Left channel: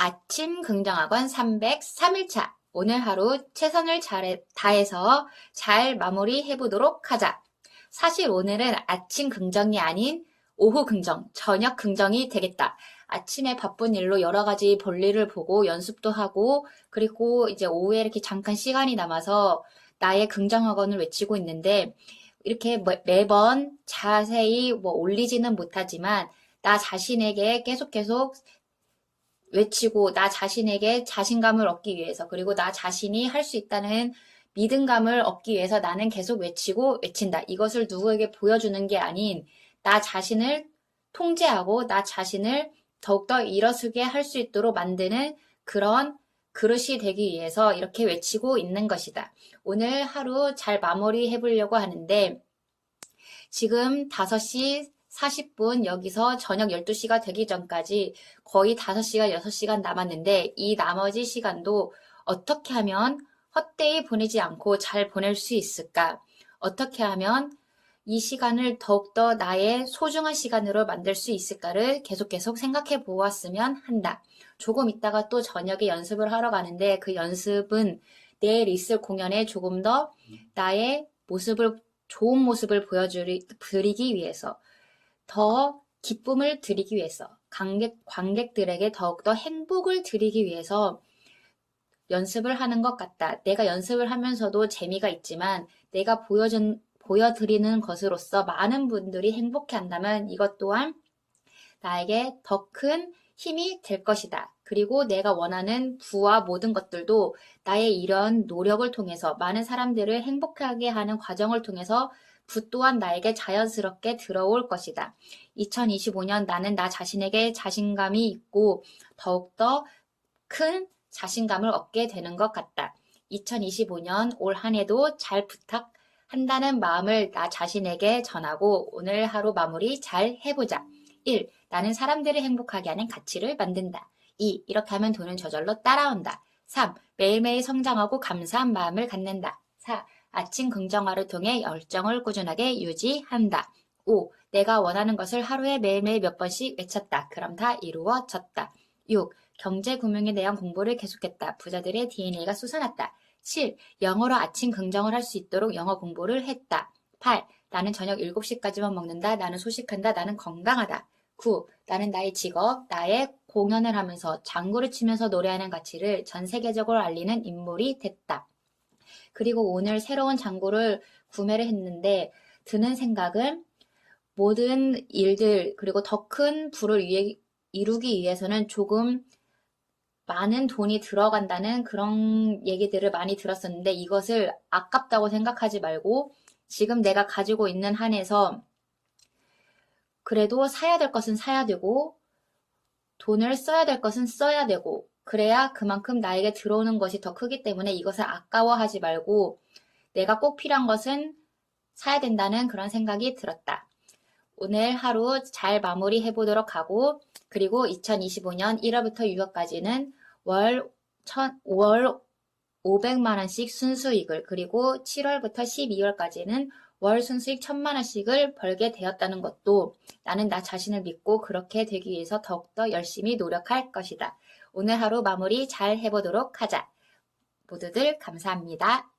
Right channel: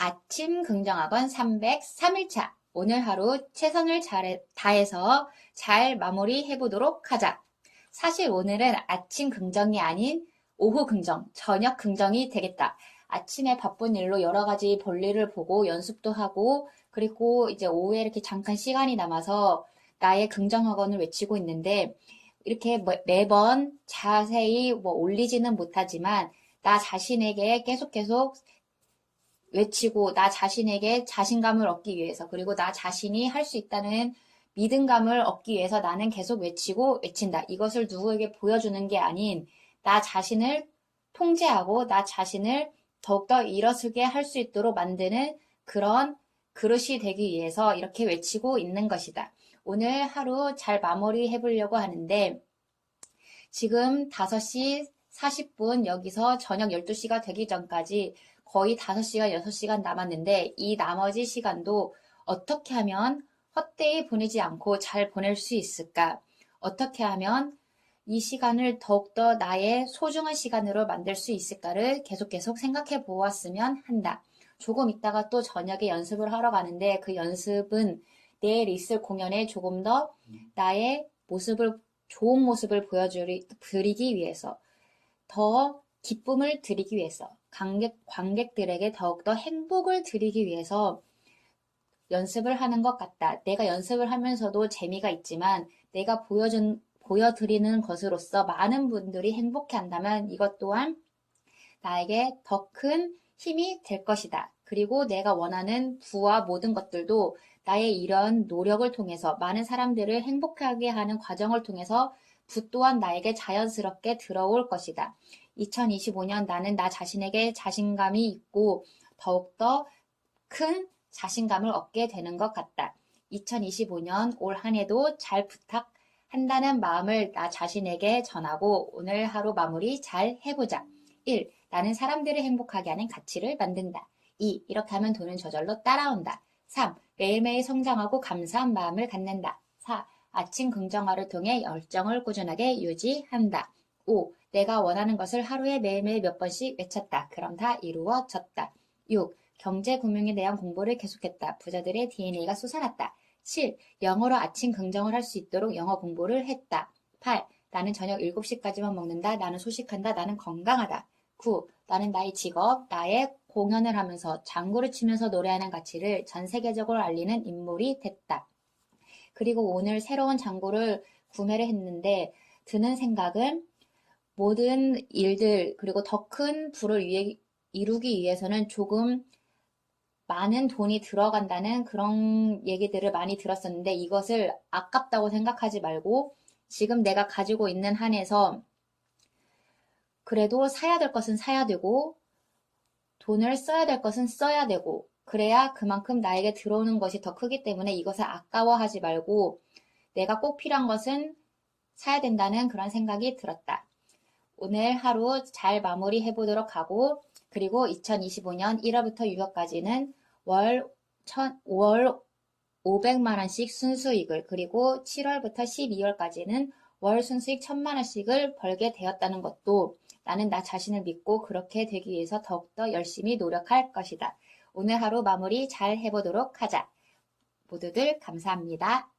아침 긍정학원 303일차. 오늘 하루 최선을 잘 다해서 잘 마무리해 보도록 하자. 사실 오늘은 아침 긍정이 아닌 오후 긍정, 저녁 긍정이 되겠다. 아침에 바쁜 일로 여러 가지 볼일을 보고 연습도 하고 그리고 이제 오후에 이렇게 잠깐 시간이 남아서 나의 긍정학원을 외치고 있는데 이렇게 매- 매번 자세히 뭐 올리지는 못하지만 나 자신에게 계속 계속 외치고 나 자신에게 자신감을 얻기 위해서 그리고 나 자신이 할 수 있다는 믿음감을 얻기 위해서 나는 계속 외치고 외친다. 이것을 누구에게 보여주는 게 아닌 나 자신을 통제하고 나 자신을 더욱더 일어서게 할 수 있도록 만드는 그런 그릇이 되기 위해서 이렇게 외치고 있는 것이다. 오늘 하루 잘 마무리 해보려고 하는데 지금 5시 40분 여기서 저녁 12시가 되기 전까지 거의 5시간, 6시간 남았는데 이 나머지 시간도 어떻게 하면 헛되이 보내지 않고 잘 보낼 수 있을까? 어떻게 하면 이 시간을 더욱더 나의 소중한 시간으로 만들 수 있을까를 계속 계속 생각해 보았으면 한다. 조금 있다가 또 저녁에 연습을 하러 가는데 그 연습은 내일 있을 공연에 조금 더 나의 모습을, 좋은 모습을 보여드리기 위해서 더 기쁨을 드리기 위해서 관객, 관객들에게 더욱더 행복을 드리기 위해서 연습을 하는 것 같다. 내가 연습을 하면서도 재미가 있지만 내가 보여준, 보여드리는 것으로서 많은 분들이 행복해 한다면 이것 또한 나에게 더 큰 힘이 될 것이다. 그리고 내가 원하는 부와 모든 것들도 나의 이런 노력을 통해서 많은 사람들을 행복하게 하는 과정을 통해서 부 또한 나에게 자연스럽게 들어올 것이다. 2025년 나는 나 자신에게 자신감이 있고 더욱더 큰 자신감을 얻게 되는 것 같다. 2025년 올 한 해도 잘 부탁한다는 마음을 나 자신에게 전하고 오늘 하루 마무리 잘 해보자. 1. 나는 사람들을 행복하게 하는 가치를 만든다. 2. 이렇게 하면 돈은 저절로 따라온다. 3. 매일매일 성장하고 감사한 마음을 갖는다. 4. 아침 긍정화를 통해 열정을 꾸준하게 유지한다. 5. 내가 원하는 것을 하루에 매일매일 몇 번씩 외쳤다. 그럼 다 이루어졌다. 6. 경제 금융에 대한 공부를 계속했다. 부자들의 DNA가 솟아났다. 7. 영어로 아침 긍정을 할 수 있도록 영어 공부를 했다. 8. 나는 저녁 7시까지만 먹는다. 나는 소식한다. 나는 건강하다. 9. 나는 나의 직업, 나의 공연을 하면서 장구를 치면서 노래하는 가치를 전 세계적으로 알리는 인물이 됐다. 그리고 오늘 새로운 장구를 구매를 했는데 드는 생각은 모든 일들 그리고 더 큰 부를 위해, 이루기 위해서는 조금 많은 돈이 들어간다는 그런 얘기들을 많이 들었었는데 이것을 아깝다고 생각하지 말고 지금 내가 가지고 있는 한에서 그래도 사야 될 것은 사야 되고 돈을 써야 될 것은 써야 되고 그래야 그만큼 나에게 들어오는 것이 더 크기 때문에 이것을 아까워하지 말고 내가 꼭 필요한 것은 사야 된다는 그런 생각이 들었다. 오늘 하루 잘 마무리 해 보도록 하고 그리고 2025년 1월부터 6월까지는 월, 천, 월 500만 원씩 순수익을 그리고 7월부터 12월까지는 월 순수익 1000만 원씩을 벌게 되었다는 것도 나는 나 자신을 믿고 그렇게 되기 위해서 더욱더 열심히 노력할 것이다. 오늘 하루 마무리 잘 해보도록 하자. 모두들 감사합니다.